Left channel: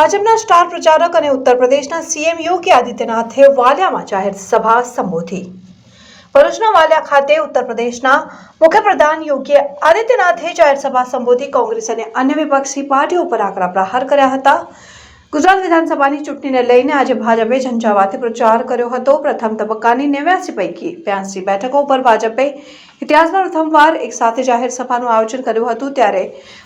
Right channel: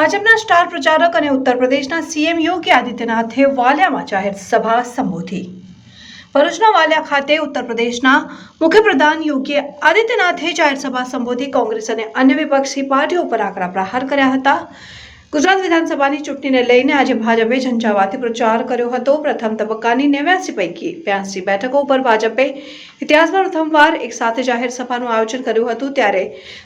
ભાજપના સ્ટાર પ્રચારક અને ઉત્તર પ્રદેશના સીએમ યોગી આદિત્યનાથે વાલિયામાં જાહેર સભા સંબોધી। ભરૂચના વાલિયા ખાતે ઉત્તર પ્રદેશના મુખ્યપ્રધાન યોગી આદિત્યનાથે જાહેર સભા સંબોધી કોંગ્રેસ અને અન્ય વિપક્ષી પાર્ટીઓ પર આકરા પ્રહાર કર્યા હતા। ગુજરાત વિધાનસભાની ચૂંટણીને લઈને આજે ભાજપે ઝંઝાવાતી પ્રચાર કર્યો હતો। પ્રથમ તબક્કાની 89 પૈકી 82 બેઠકો પર ભાજપે ઇતિહાસમાં પ્રથમવાર એક સાથે જાહેર સભાનું આયોજન કર્યું હતું। ત્યારે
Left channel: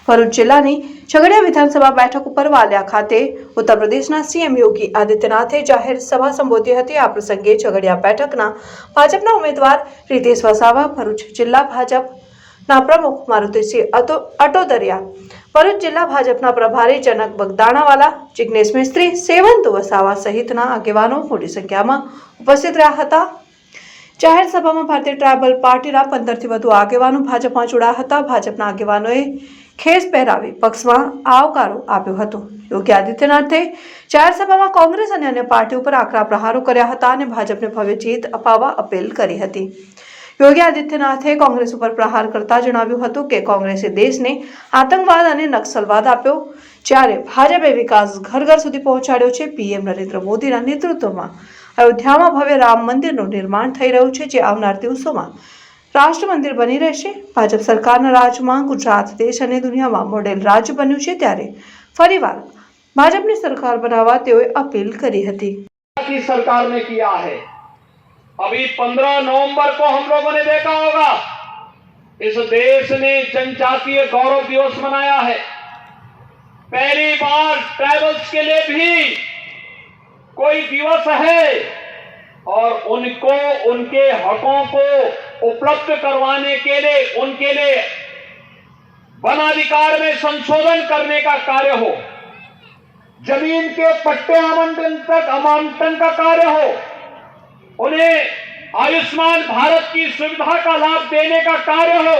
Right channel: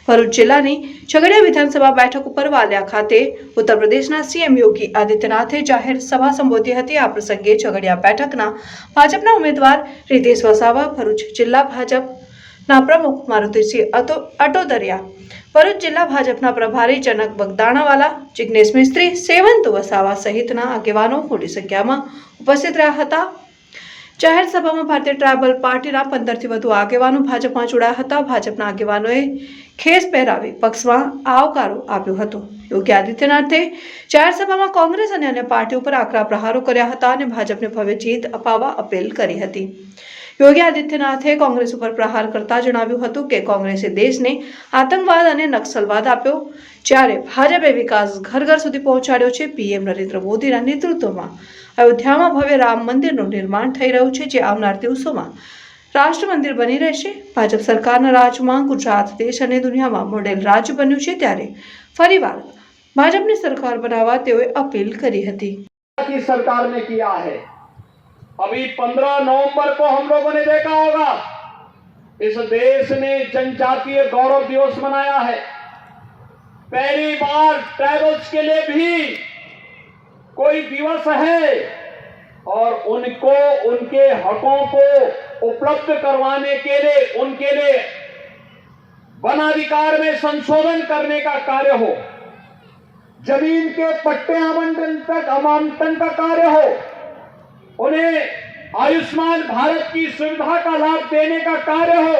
ભરૂચ જિલ્લાની ઝઘડિયા વિધાનસભા બેઠક ઉપર વાલિયા ખાતે ઉત્તર પ્રદેશના સીએમ યોગી આદિત્યનાથે જાહેર સભા સંબોધી હતી। આ પ્રસંગે ઝઘડિયા બેઠકના ભાજપના ઉમેદવાર રીતેશ વસાવા, ભરૂચ જિલ્લા ભાજપના પ્રમુખ મારુતિસિંહ અટોદરિયા, ભરૂચ જિલ્લા ભાજપના પ્રભારી જનક બગદાણાવાલા, જિગ્નેશ મિસ્ત્રી, સેવંત વસાવા સહિતના આગેવાનો મોટી સંખ્યામાં ઉપસ્થિત રહ્યા હતા। જાહેર સભામાં ભારતીય ટ્રાયબલ પાર્ટીના 15થી વધુ આગેવાનો ભાજપમાં જોડાયા હતા। ભાજપના આગેવાનોએ ખેસ પહેરાવી પક્ષમાં આવકારો આપ્યો હતો। યોગી આદિત્યનાથે જાહેર સભામાં કોંગ્રેસ અને અન્ય પાર્ટીઓ પર આકરા પ્રહારો કર્યા હતા અને ભાજપને ભવ્ય જીત અપાવવા અપીલ કરી હતી। યોગી આદિત્યનાથે કોંગ્રેસ ઉપર પ્રહાર કરતા જણાવ્યું હતું કે કોંગ્રેસે દેશને આતંકવાદ અને નક્સલવાદ આપ્યો, જ્યારે ભાજપે વિકાસ ઘર ઘર સુધી પહોંચાડ્યો છે। પીએમ નરેન્દ્ર મોદીના નેતૃત્વમાં અયોધ્યામાં ભવ્ય રામ મંદિરનું નિર્માણ થઈ રહ્યું છે, જે આવનાર દિવસોમાં રાષ્ટ્ર મંદિર બની રહેશે। ભાજપ સરકારના રાજમાં ગુજરાત દેશ અને દુનિયામાં મોડેલ રાજ્ય બન્યું છે, ત્યારે ફરીવાર ભાજપની સરકાર બનાવવા તેઓએ અપીલ કરી હતી। सरकार ने किया है। अभी 15 नवंबर को हम लोगों ने देखा होगा, इस देश ने जनजातीय गौरव दिवस मनाया है। पहली बार ट्राइबल्स के लिए भी कोई दिवस है और उनको उनके हकों को उपलब्ध करवाने के लिए, उनके लिए वन अधिकार में संशोधन करने का कार्य हो, जमीन के पट्टे आवंटन का कार्य हो, उन्हें आयुष्मान भारत की सुविधा का लाभ देने का कार्य हो,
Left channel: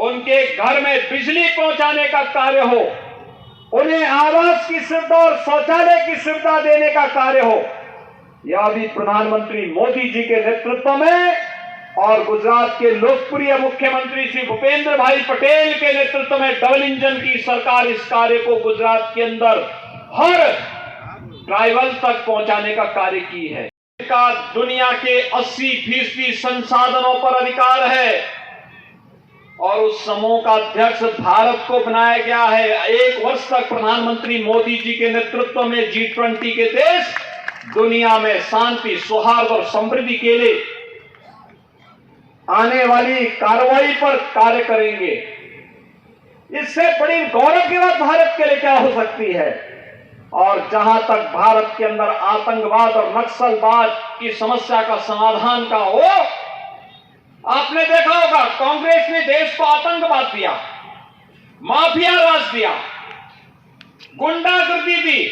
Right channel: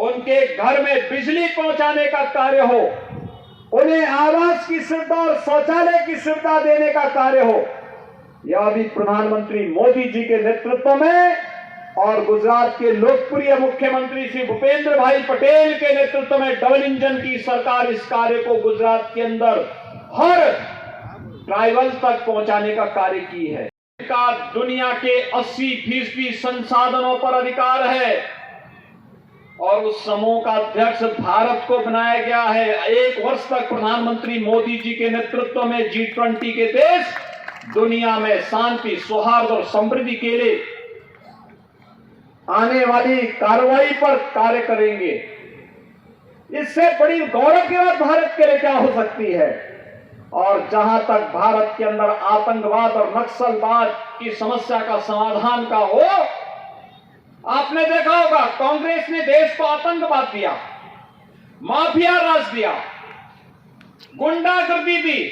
उनके घर में बिजली पहुंचाने का कार्य हो, उन्हें आवास की सुविधा और शौचालय की सुविधा देने का कार्य हो, यह भी प्रधानमंत्री मोदी जी के नेतृत्व में और गुजरात के लोकप्रिय मुख्यमंत्री श्री भूपेंद्र भाई पटेल के नेतृत्व में डबल इंजन की सरकार इस कार्य को गुजरात के अंदर हर ट्राइबल तक पहुंचाने का कार्य की है। का दुनिया के 80% संसाधनों पर अधिकार है और उस समूह का अध्यक्ष भारत को बनाया गया है। 1 वर्ष तक प्रधानमंत्री मोदी जी के नेतृत्व में G20 के देश दुनिया में शांति, सौहार्द और समृद्धि के लिए आने वाली कार्रवाई पर कार्य करेंगे। इससे बड़ी गौरव की बात भारत के लिए क्या हो सकती है। और जहां तक भारत के अंदर आतंकवाद और नक्सलवाद की समस्या का समाधान का हो, आपने देखा होगा कांग्रेस ने देश को आतंकवाद दिया, माफिया राज दिया, गुंडागर्दी दी,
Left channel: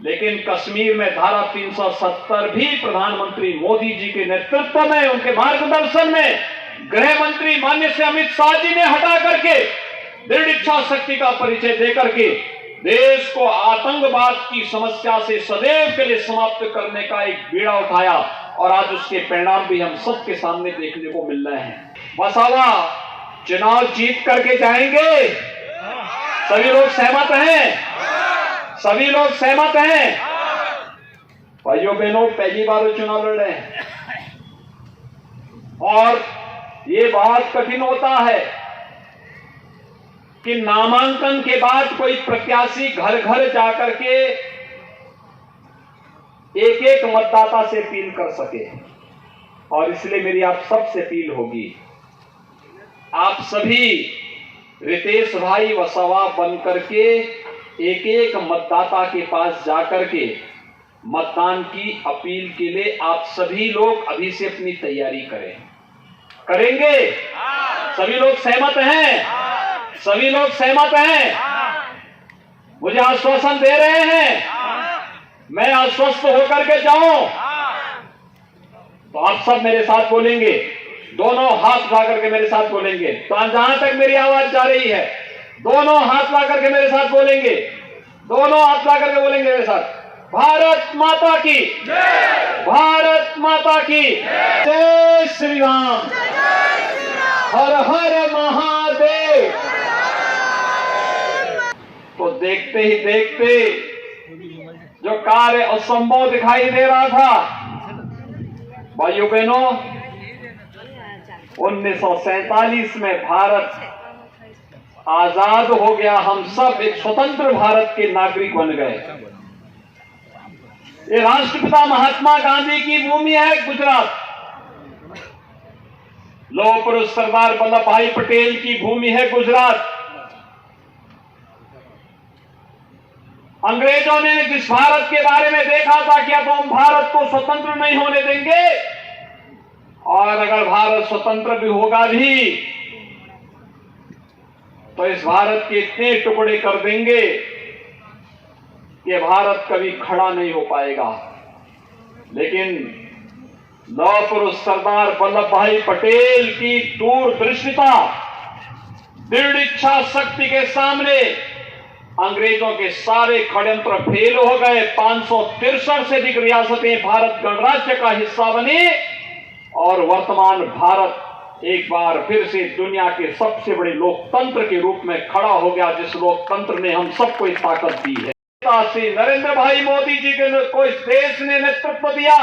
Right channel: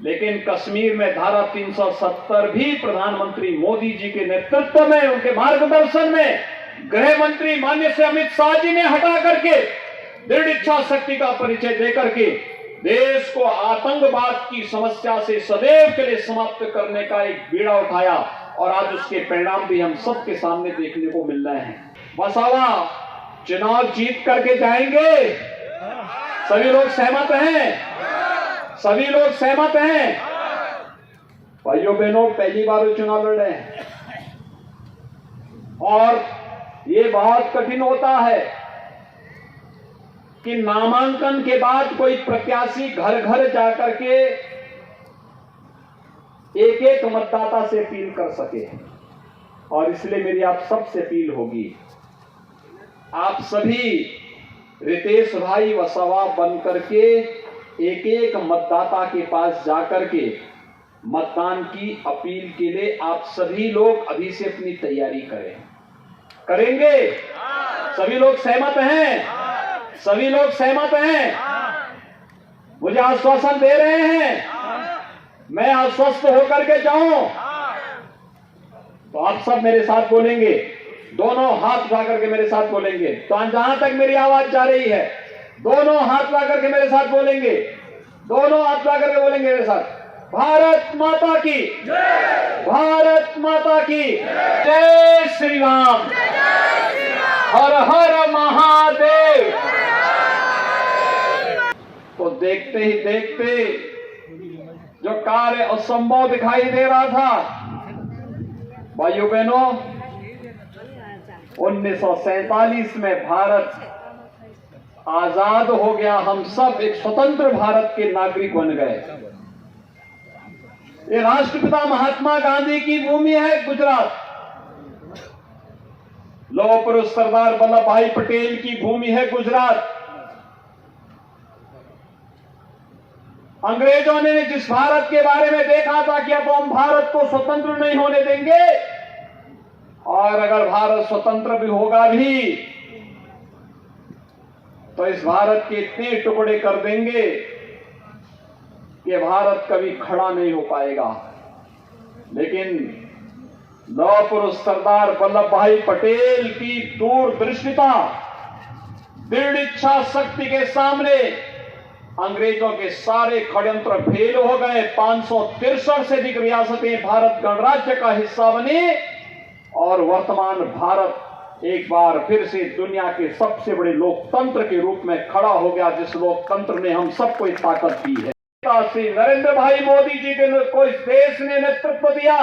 लेकिन कश्मीर में धारा 370 भी प्रधानमंत्री मोदी जी के नेतृत्व में, उनके मार्गदर्शन में गृह मंत्री माननीय से अमित शाह जी ने हटा करके दृढ़ इच्छा शक्ति का परिचय देकर के देश को आतंकवाद की समस्या से सदैव के लिए समाप्त करने का एक बीड़ा उठाया और आज उसके परिणाम भी हम सबके सामने देखने को मिल रहे हैं। वसावा चुनाव जीत करके जाएंगे, सभी लोग सहमत हैं? सभी लोग सहमत हैं? भाइयों बहनों, पहली बार वो चुनाव लड़ रहे हैं और ये बहुत कठिन होता है कि नामांकन के बाद कोई प्रत्याशी घर घर जाकर के एक एक मतदाता से अपील कर सके। और इसलिए मेरी आप सबसे अपील होगी, आप सभी रितेश भाई वसावा बन करके एक एक मतदाता के पास जाकर के मतदान की अपील के लिए आप सभी लोग अभी से अपनी तैयारी करें। करेंगे? सभी लोग सहमत हैं? सभी लोग सहमत हैं? मुझे आश्वासन दे रहे हैं? मैं आश्वस्त होकर के जाऊं तो आप सब मेरे साथ बोलेंगे, दोनों हाथ उठा करके मेरे साथ बोलेंगे। तो जहां तक मेरी आवाज जा रही है, दोनों हाथ ला करके मेरे साथ बोलेंगे, दोनों हाथ ला करके बोलेंगे मेरे साथ, भारत माता की जय, भारत माता की जय, श्री राम, हर हर महादेव। तो देखते ही देखते जो कार्य असंभव दिखाई दे रहा था, भाइयों बहनों, 1947 में भारत आजाद हो गया। हम सब एक स्वतंत्र भारत के नागरिक बन गए। ये राष्ट्रपिता महात्मा गांधी की भूमि है गुजरात। लौह पुरुष सरदार वल्लभ भाई पटेल की भूमि है गुजरात। अंग्रेजों ने जिस भारत के बारे में देखा था कि अब हम भारत को स्वतंत्र नहीं होने देंगे, और अगर भारत स्वतंत्र भी होगा भी तो इस भारत के इतने टुकड़े कर देंगे कि भारत कभी खड़ा नहीं हो पाएगा। लेकिन लौह पुरुष सरदार वल्लभ भाई पटेल की दूरदृष्टिता, दृढ़ इच्छा शक्ति के सामने अंग्रेजों के सारे षड्यंत्र फेल हो गए। 563 से अधिक रियासतें भारत गणराज्य का हिस्सा बनी और वर्तमान भारत एक बार फिर से दुनिया के सबसे बड़े लोकतंत्र के रूप में खड़ा हो गया, जिस लोकतंत्र ने हम सबको एक ताकत दी है। श्री नरेंद्र भाई मोदी जी को इस देश ने नेतृत्व दिया,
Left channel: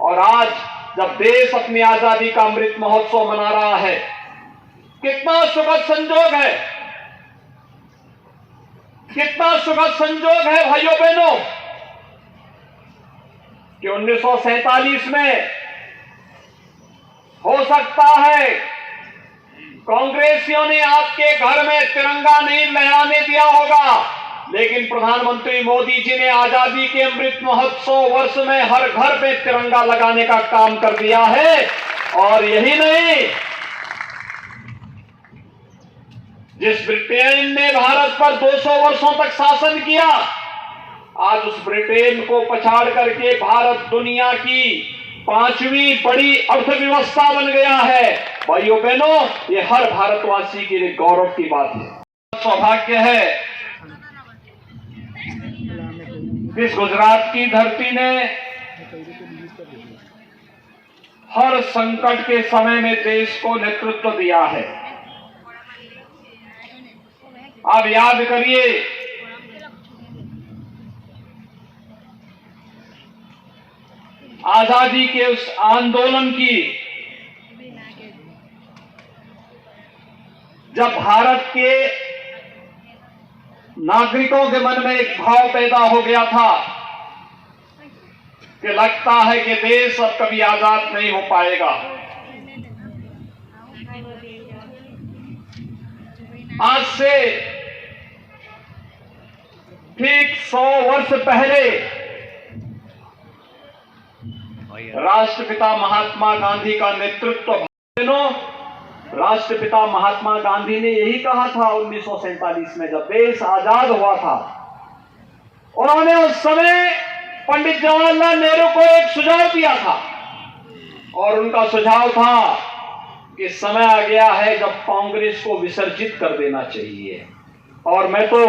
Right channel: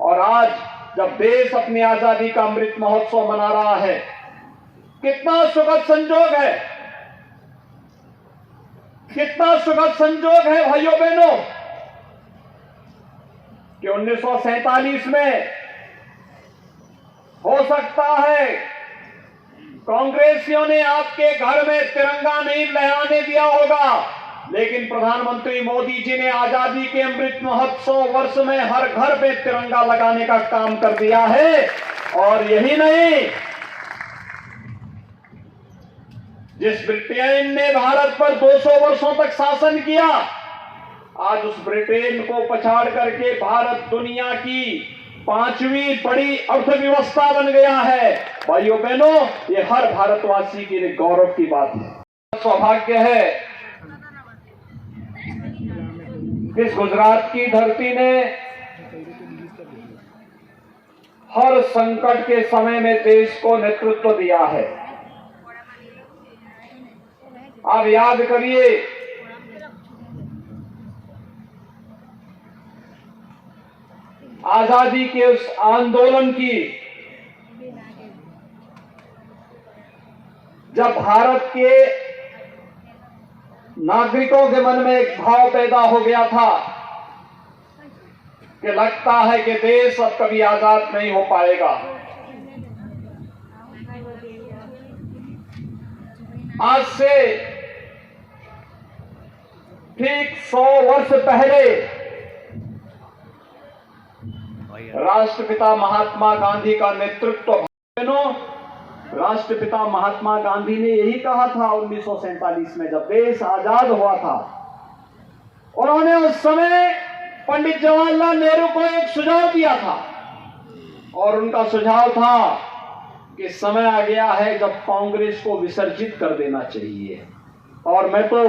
और आज जब देश अपनी आजादी का अमृत महोत्सव मना रहा है, कितना सुखद संजोग है, कितना सुखद संजोग है भाइयों बहनों, कि 1947 में हो सकता है कांग्रेसियों ने आपके घर में तिरंगा नहीं लहराने दिया होगा, लेकिन प्रधानमंत्री मोदी जी ने आजादी के अमृत महोत्सव वर्ष में हर घर पे तिरंगा लगाने का काम कर दिया है। और यही नहीं, जिस ब्रिटेन ने भारत पर 200 वर्षों तक शासन किया, आज उस ब्रिटेन को पछाड़ करके भारत दुनिया की 5वीं बड़ी अर्थव्यवस्था बन गया है। भाइयों बहनों, ये हर भारतवासी के लिए गौरव की बात है। सौभाग्य है इस गुजरात की धरती ने हर संकट के समय में देश को नेतृत्व दिया है। आप याद करिए, आजादी के उस आंदोलन की, जब भारत के नागरिकों के मन में एक भाव पैदा हो गया था कि लगता है कि देश अब कभी आजाद नहीं हो पाएगा। आज से ठीक 100 वर्ष पहले राष्ट्रपिता महात्मा गांधी का नेतृत्व, राष्ट्रपिता महात्मा गांधी ने यही कहा था 1947 में जब देश आजाद हुआ था। उन्होंने उस समय पंडित जवाहरलाल नेहरू को एक सुझाव दिया था, और उनका सुझाव था कि समय आ गया है जब कांग्रेस को विसर्जित कर देना चाहिए। और मैं तो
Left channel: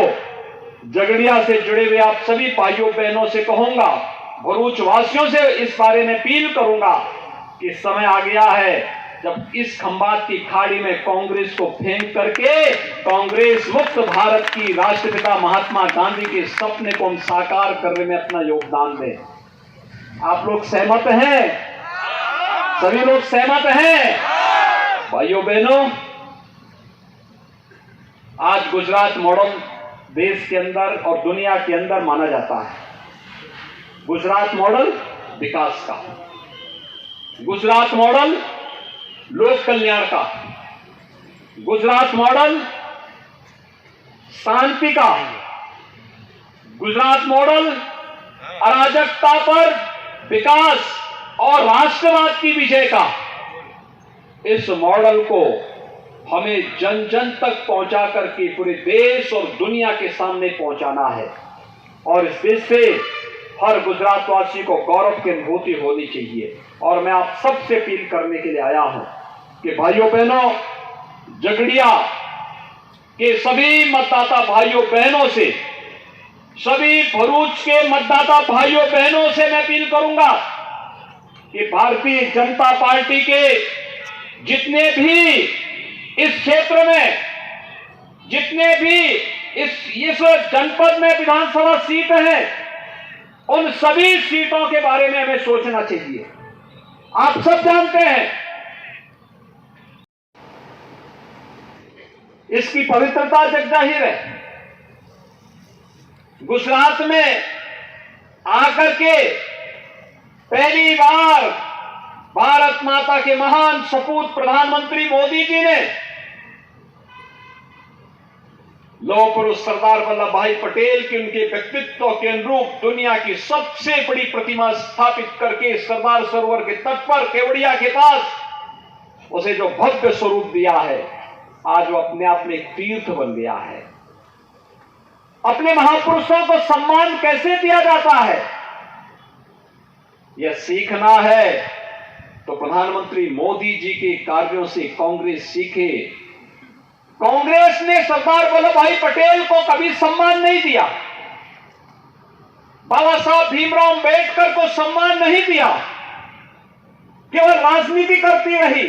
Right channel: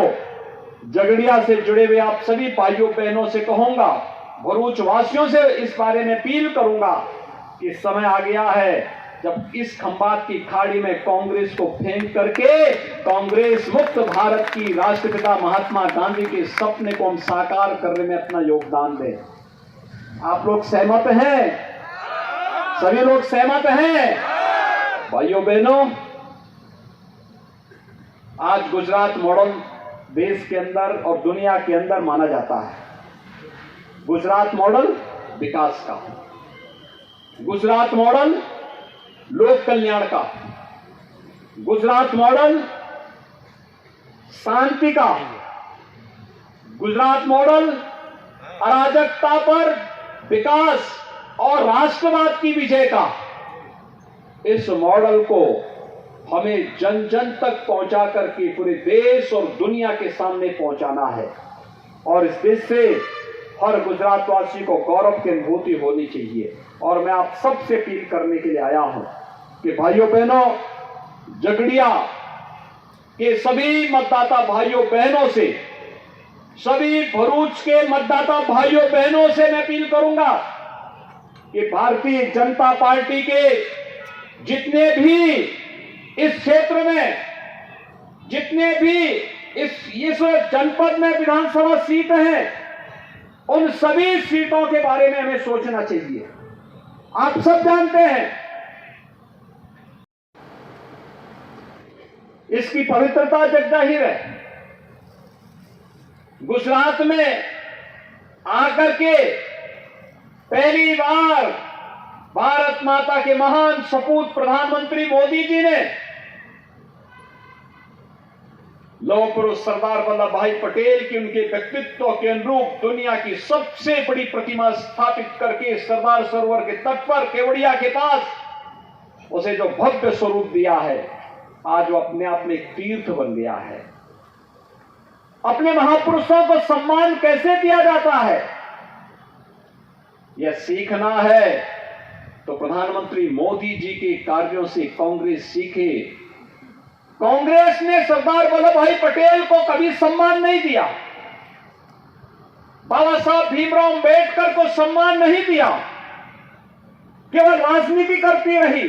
झगड़िया से जुड़े हुए आप सभी भाइयों बहनों से कहूंगा, भरूच वासियों से इस बारे में अपील करूंगा कि समय आ गया है जब इस खंबात की खाड़ी में कांग्रेस को फेंक करके कांग्रेस मुक्त भारत की राष्ट्रपिता महात्मा गांधी के सपने को हम साकार करने में अपना योगदान दें। आप लोग सहमत हैं? सभी लोग सहमत हैं? भाइयों बहनों, आज गुजरात मॉडल देश के अंदर और दुनिया के अंदर माना जाता है। गुजरात मॉडल विकास का, गुजरात मॉडल लोक कल्याण का, गुजरात मॉडल शांति का, गुजरात मॉडल अराजकता पर विकास और राष्ट्रवाद की विजय का। इस मॉडल को हमें जन जन तक पहुंचा करके पूरे देश और दुनिया के सामने पहुंचाना है, और इस देश से हर गुजरातवासी को गौरव की अनुभूति होनी चाहिए। और मैं आप सबसे अपील करने के लिए आया हूं कि भाइयों बहनों, झगड़िया के सभी मतदाता भाइयों बहनों से, सभी भरूच के मतदाता भाइयों बहनों से मैं अपील करूंगा कि भारतीय जनता पार्टी के जितने भी इस क्षेत्र में, जितने भी इस जनपद में विधानसभा सीट हैं, उन सभी सीटों के बारे में हमें सोचना चाहिए। आप सब जानते हैं इसकी पवित्रता जगजाहिर है। गुजरात में आकर के पहली बार भारत माता के महान सपूत प्रधानमंत्री मोदी जी ने लौह पुरुष सरदार वल्लभ भाई पटेल की उनके व्यक्तित्व के अनुरूप दुनिया की सबसे बड़ी प्रतिमा स्थापित करके सरदार सरोवर के तट पर केवड़िया के पास उसे जो भव्य स्वरूप दिया है, आज वो अपने आप में एक तीर्थ बन गया है। अपने महापुरुषों को सम्मान कैसे दिया जाता है, यह सीखना है तो प्रधानमंत्री मोदी जी के कार्यों से कांग्रेस सीखे। कांग्रेस ने सरदार वल्लभ भाई पटेल को कभी सम्मान नहीं दिया, बाबा साहब भीमराव अंबेडकर को सम्मान नहीं दिया, केवल राजनीति करती रही,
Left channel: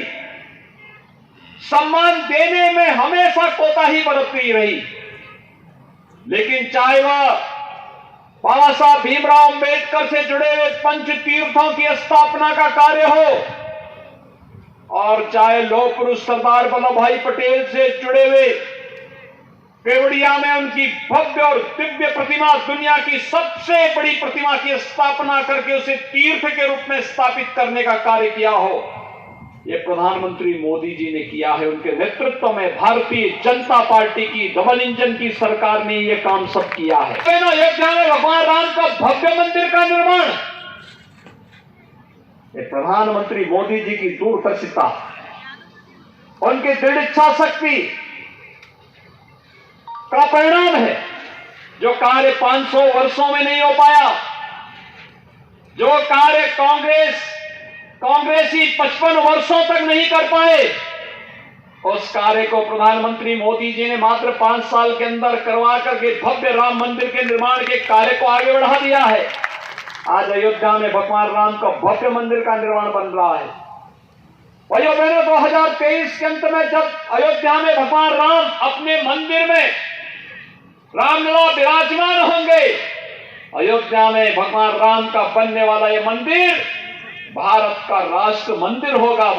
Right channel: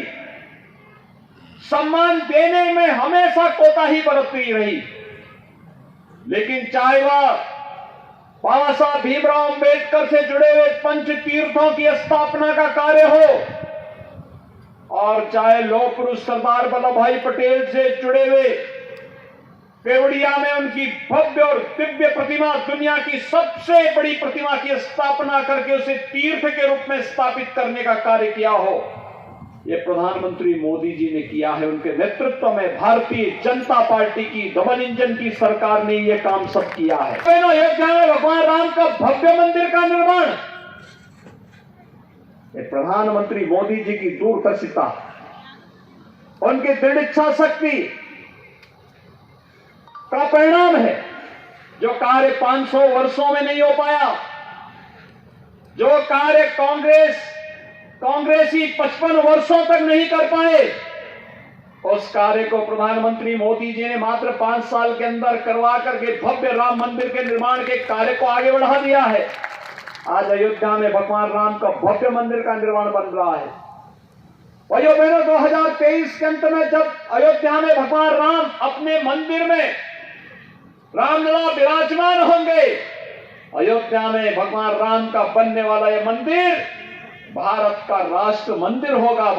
सम्मान देने में हमेशा कोताही बरतती रही। लेकिन चाहे वह बाबा साहब भीमराव अंबेडकर से जुड़े हुए पंच तीर्थों की स्थापना का कार्य हो और चाहे लौह पुरुष सरदार वल्लभ भाई पटेल से जुड़े हुए केवड़िया में उनकी भव्य और दिव्य प्रतिमा, दुनिया की सबसे बड़ी प्रतिमा की स्थापना करके उसे तीर्थ के रूप में स्थापित करने का कार्य किया हो, यह प्रधानमंत्री मोदी जी ने किया है। उनके नेतृत्व में भारतीय जनता पार्टी की डबल इंजन की सरकार ने यह काम सब किया है। अयोध्या में भगवान राम का भव्य मंदिर का निर्माण, ये प्रधानमंत्री मोदी जी की दूरदर्शिता, उनकी दृढ़ इच्छा शक्ति का परिणाम है। जो कार्य 500 वर्षों में नहीं हो पाया, जो कार्य कांग्रेसी 55 वर्षों तक नहीं कर पाए, उस कार्य को प्रधानमंत्री मोदी जी ने मात्र 5 साल के अंदर करवा करके भव्य राम मंदिर के निर्माण के कार्य को आगे बढ़ा दिया है। आज अयोध्या में भगवान राम का भव्य मंदिर का निर्माण बन रहा है। भाइयों बहनों, 2023 के अंत में जब अयोध्या में भगवान राम अपने मंदिर में रामलला विराजमान होंगे, अयोध्या में भगवान राम का बनने वाला यह मंदिर भारत का राष्ट्र मंदिर होगा।